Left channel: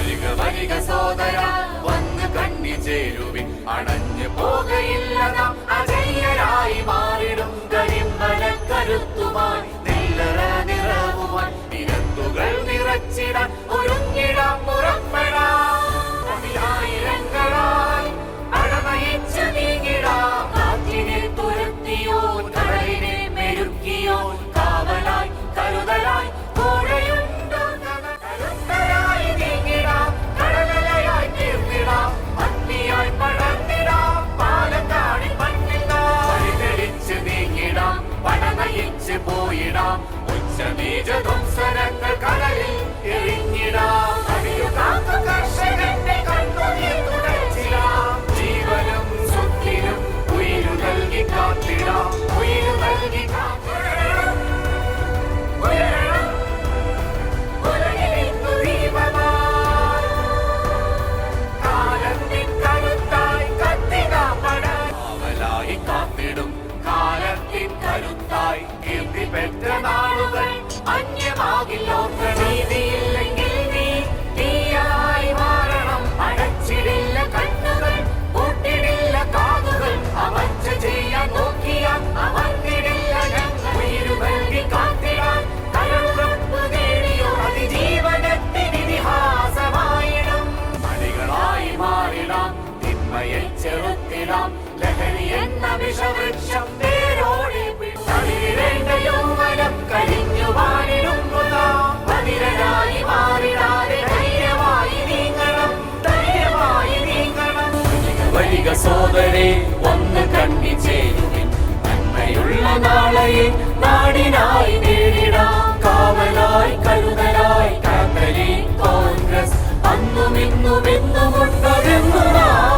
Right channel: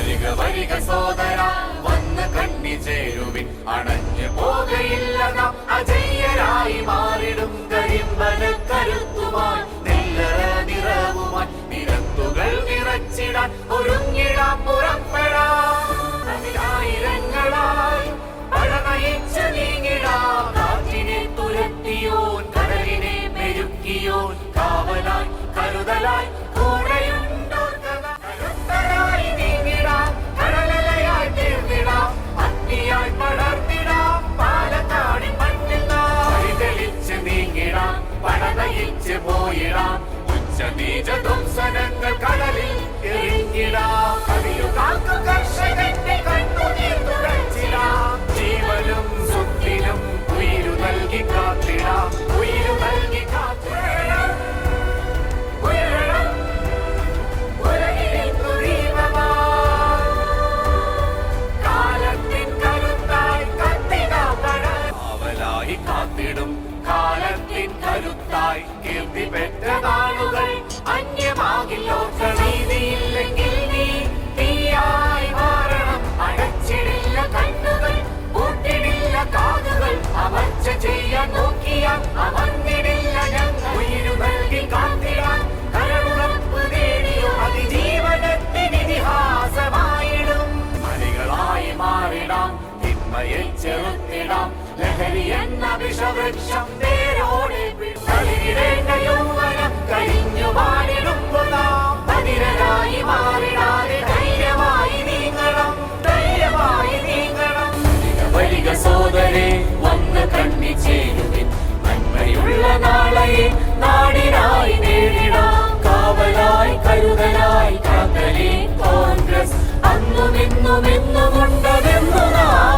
വരിക വരിക സോദര വന്ന് കണ്ണി ചേരുവിൻ അണഞ്ഞു പോകയില്ല നാം അജയ്യരായി മാറിടും കരിമ്പന കരുത്തുമായി നെല്ലറ നിറവുമായി നിരത്തുകൾ നിറച്ചിടാൻ ഒരുങ്ങിടാം പുറപ്പെടാം അതിലായിരങ്ങളായി പടനയിച്ച് നീങ്ങിടാം കാറ്റിനെ തുരത്തിയോൻ കടലിനെ മെരുക്കിയോൻ കാവലായി കരുതലായി കൂടെയുണ്ടോർക്കണ കരുത്തരായി നീങ്ങിടാം കടലലയായി തീർന്നിടാം അഗ്നിയായി പടർന്നിടാം പാലക്കാടിൻ മണ്ണിൽ നാം വഴി തെളിച്ച് നീങ്ങിടാം പടനയിച്ച് പോയിടാം ഉച്ചനീച ധ്വംസനങ്ങൾ കടലിൽ എറിഞ്ഞിടാം കവിയു കാക്കു കർഷകന്റെ കണ്ണുനീർ തുടച്ചിടാം ജീവനും സ്വത്തിനും ഉയിരു നൽകി കാത്തിടാം ഉയിരു നൽകി കാത്തിടാം ഉയരണം ഉലകിലിന്നു ദീപമായി കാലത്തിൻ കരുത്തായി കത്തിനാം കാവലായി കാത്തിടും കാലത്തിൻ കരുത്തായി കീർത്തി പെറ്റ നാളുകൾ അന്യമാകില്ലോർക്ക നീതിയില്ലെങ്കിൽ നീയായി മാറണം അടച്ചിടില്ല കണ്ണുകൾ പൂട്ടിടില്ല കാതുകൾ അമർച്ച ചെയ്യാൻ നോക്കിയാൽ അമർന്നിടില്ല ഞങ്ങൾ ഉയിരു നൽകി കാത്തിടാൻ കരളുറപ്പ് നേടിയോ അതിജീവനത്തിനിതിഹാസമായിടും മണികളായി മാറിടാം തിന്മയെ ചെറുത്തിടാം ലഹരി എന്ന വിഷവൃക്ഷം നേരോടെ കളിയിടേണ്ട യൗവനം കരിഞ്ഞു വാണിടുമ്പോൾ നാം ബധിരരായി മാറിടാതെ ധൈര്യമായി നീങ്ങണം ധൈര്യമായി നീങ്ങണം വരിക സോദരേ വന്ന് കണ്ണി ചേരുവിൻ നന്മയുള്ള നാളെ നാടിനായി നേടിടാം കാവലായി കരുതലായി കാത്തലി കോൺഗ്രസ് അന്നും ഇന്നും എന്നുമുണ്ടതെന്നു നാം